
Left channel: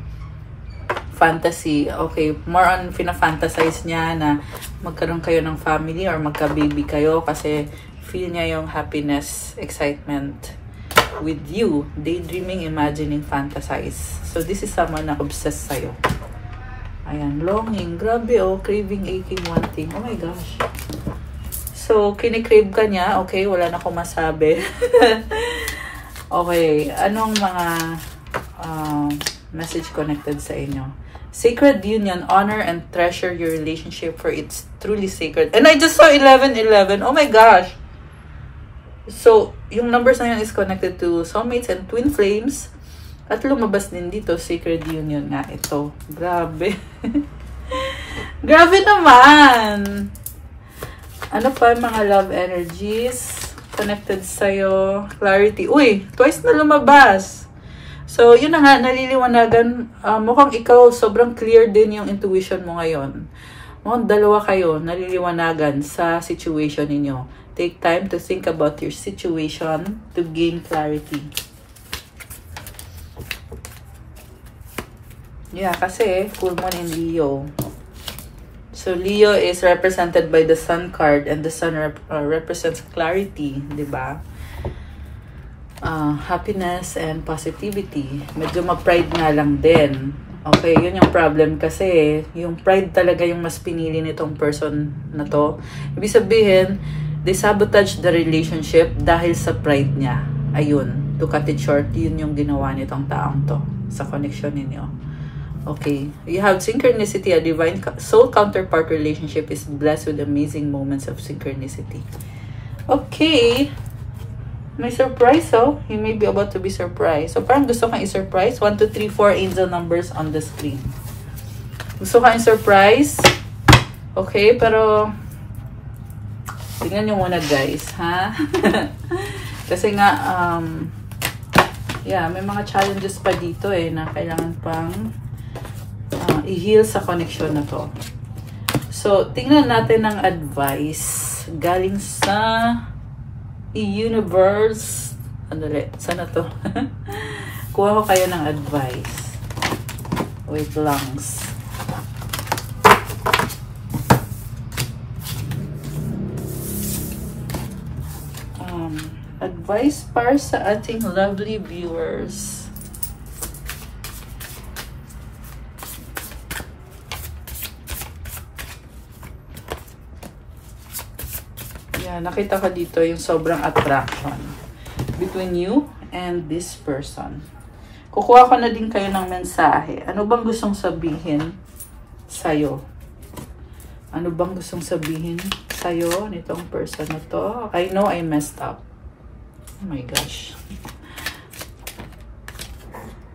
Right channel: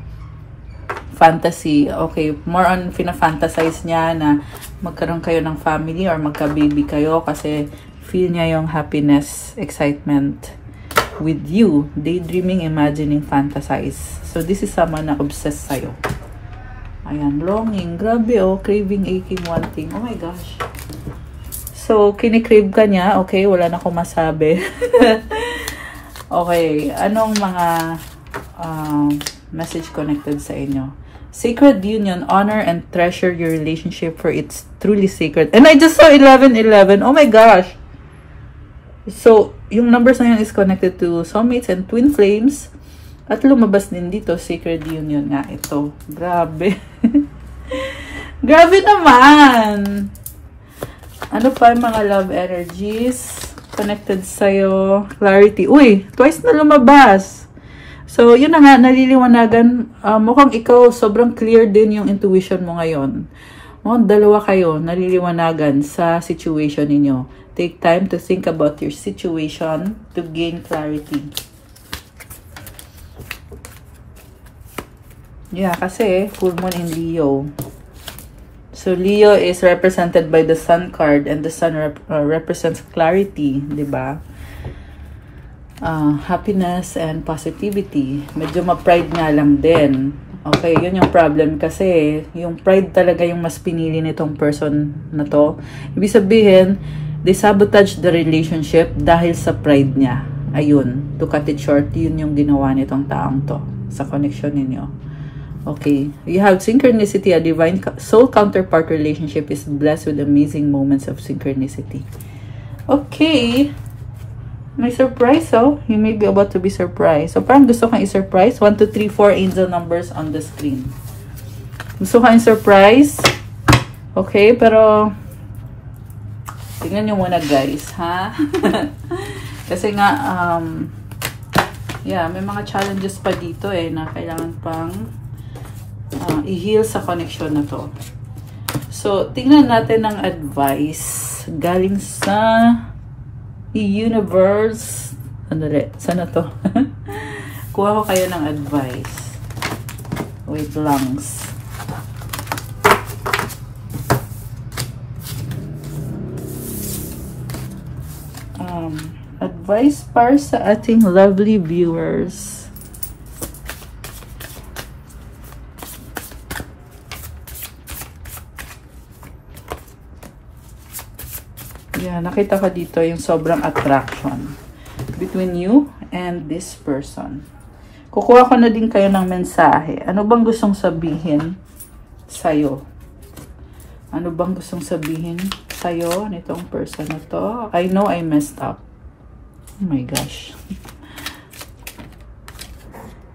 Fantasy. Okay. More on fina-fantasize niya na magkaroon kayo ng family or magka-baby kayo kasi feel niya yung happiness, excitement with you. Daydreaming, imagining, fantasize. So, this is someone na obsessed sa'yo. Ayan, longing. Grabe oh, craving, aching, wanting. Oh my gosh. So, kinikrave ka niya. Okay, wala na akong masabi. Okay, anong mga message connected sa inyo? Sacred union, honor and treasure your relationship for it's truly sacred. And I just saw 1111. Oh my gosh. So, yung numbers na yun is connected to soulmates and twin flames. At lumabas din dito, sacred union nga ito. Grabe. Grabe naman. Ano pa yung mga love energies connected sa'yo? Clarity. Uy, twice na lumabas. So, yun na nga, naliliwanagan. Mukhang ikaw, sobrang clear din yung intuition mo ngayon. Mukhang dalawa kayo, naliliwanagan sa situation ninyo. Take time to think about your situation to gain clarity. Yeah, kasi full moon in Leo. So, Leo is represented by the Sun card and the Sun represents clarity, di ba? Happiness and positivity. Medyo ma-pride nga lang din. Okay, yun yung problem kasi yung pride talaga yung mas pinili nitong person na to. Ibig sabihin, they sabotage the relationship dahil sa pride niya. Ayun, to cut it short, yun yung ginawa nitong taong to sa connection ninyo. Okay, you have synchronicity, a divine soul counterpart relationship is blessed with amazing moments of synchronicity. Okay, may surprise, oh. You may be about to be surprised. So, parang gusto kang i-surprise. 1, 2, 3, 4 angel numbers on the screen. Gusto kang i-surprise. Okay, pero tingnan nyo muna, guys, ha? Kasi nga, yeah, may mga challenges pa dito eh, na kailangan pang i-heal sa connection na to. So, tingnan natin ang advice galing sa universe. Ano rin? Sana to? Kuha ko kayo ng advice. Wait langs. Advice para sa ating lovely viewers. Nakita ko dito yung sobrang attraction between you and this person. Kukuha ko na din kayo ng mensahe. Ano bang gustong sabihin sa'yo? Ano bang gustong sabihin sa'yo nitong person na to? I know I messed up. Oh my gosh.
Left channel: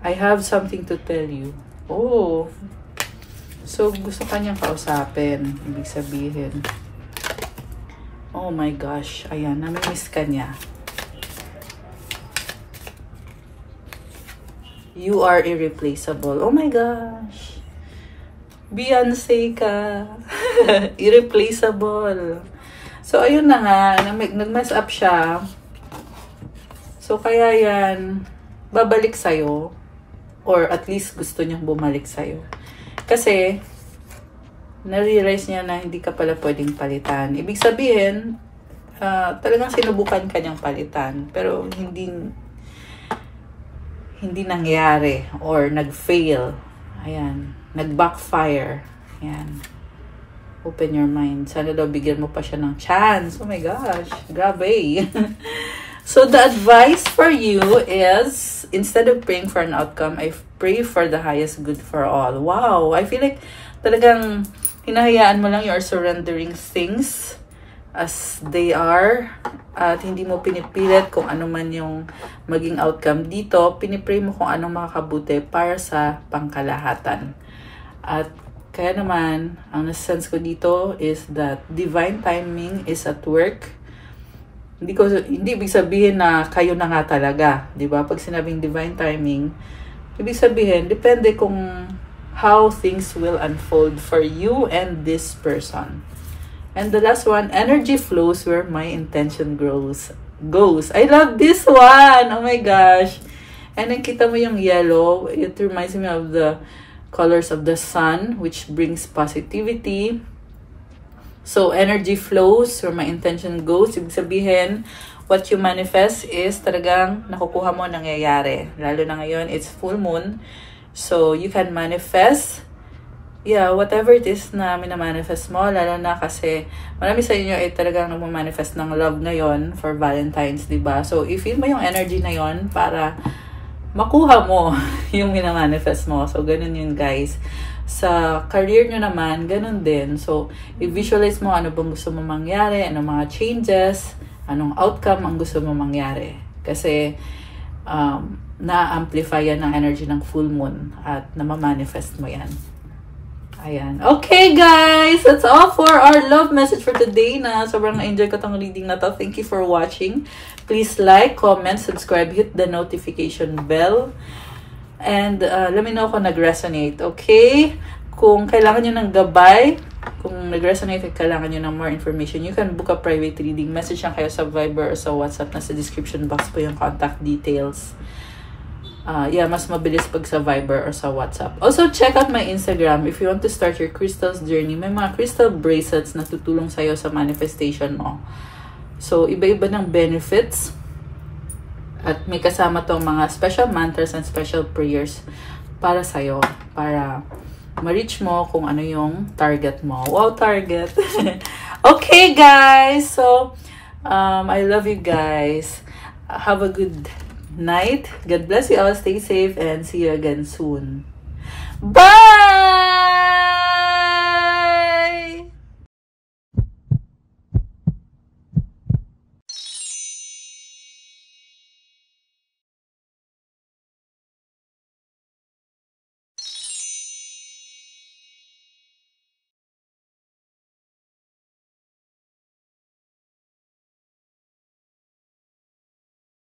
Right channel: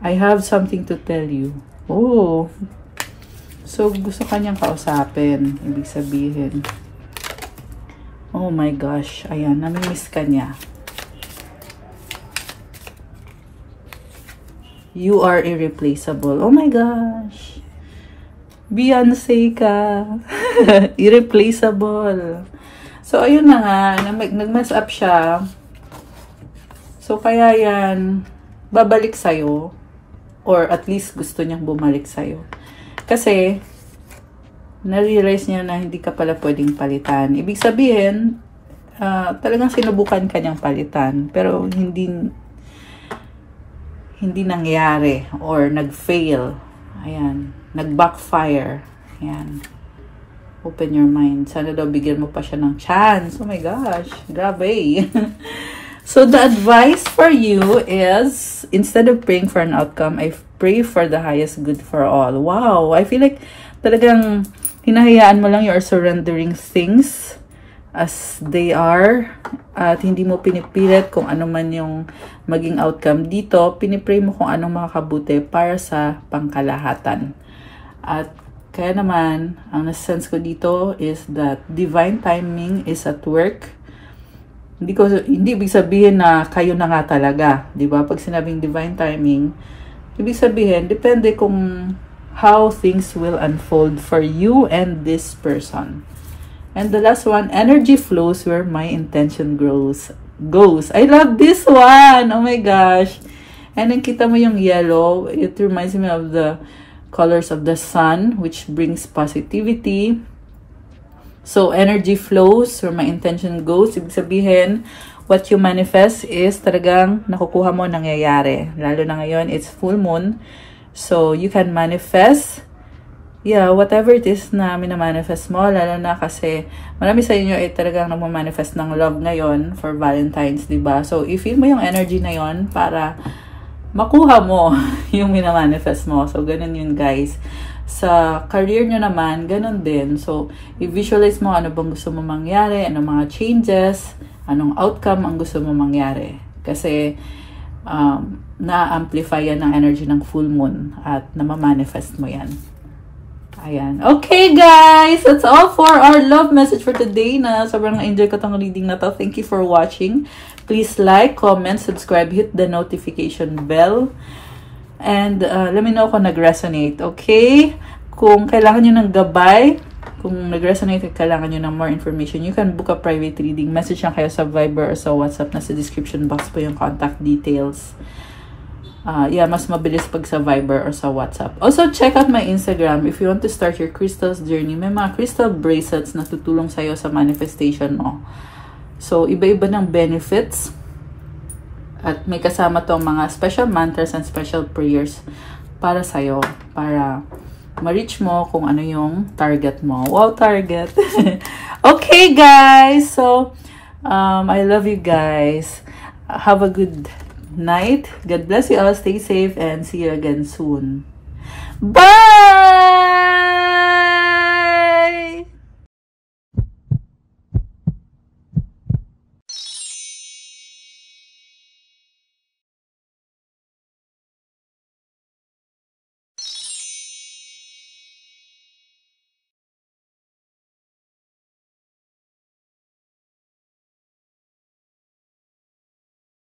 I have something to tell you. Oh. So, gusto kanyang kausapin. Ibig sabihin. Oh my gosh. Ayan, namimiss ka niya. You are irreplaceable. Oh my gosh. Beyonce ka. Irreplaceable. So, ayun na nga. Nag-mess up siya. So, kaya yan, babalik sa'yo. Or at least gusto niyang bumalik sa'yo. Kasi, na-realize niya na hindi ka pala pwedeng palitan. Ibig sabihin, talagang sinubukan ka niyang palitan. Pero hindi nangyari or nag-fail. Ayan. Nag-backfire. Ayan. Open your mind. Sana daw bigyan mo pa siya ng chance. Oh my gosh. Grabe. So, the advice for you is, instead of praying for an outcome, I pray for the highest good for all. Wow! I feel like talagang hinahayaan mo lang, you're surrendering things as they are. At hindi mo pinipilit kung ano man yung maging outcome dito. Pinipray mo kung anong makakabuti para sa pangkalahatan. At kaya naman, ang sense ko dito is that divine timing is at work. Hindi ibig sabihin na kayo na nga talaga, di ba? Pag sinabing divine timing, ibig sabihin, depende kung how things will unfold for you and this person. And the last one, energy flows where my intention goes. I love this one! Oh my gosh! And then kita mo yung yellow, it reminds me of the colors of the sun, which brings positivity. So, energy flows where my intention goes. Ibig sabihin, what you manifest is talagang nakukuha mo, nangyayari. Lalo na ngayon, it's full moon. So, you can manifest, whatever it is na minamanifest mo. Lalo na kasi, marami sa inyo ay talagang nagmamanifest ng love ngayon for Valentine's, diba? So, i-feel mo yung energy na yon para makuha mo yung minamanifest mo. So, ganun yun, guys. Sa career nyo naman, ganun din. So, i-visualize mo ano bang gusto mo mangyari, anong mga changes, anong outcome ang gusto mo mangyari. Kasi, na-amplify yan ang energy ng full moon at namamanifest mo yan. Ayan. Okay, guys! That's all for our love message for today na sobrang enjoy ko tong reading na to. Thank you for watching. Please like, comment, subscribe, hit the notification bell And let me know kung nag-resonate, okay? Kung kailangan nyo ng gabay, kung nag-resonate at kailangan nyo ng more information, you can book a private reading. Message lang kayo sa Viber or sa WhatsApp. Nasa description box po yung contact details. Yeah, mas mabilis pag sa Viber or sa WhatsApp. Also, check out my Instagram if you want to start your crystals journey. May mga crystal bracelets na tutulong sa'yo sa manifestation mo. So, iba-iba ng benefits. At may kasama tong mga special mantras and special prayers para sa'yo. Para ma-reach mo kung ano yung target mo. Wow, target! Okay, guys! So, I love you guys. Have a good night. God bless you all. Stay safe and see you again soon. Bye!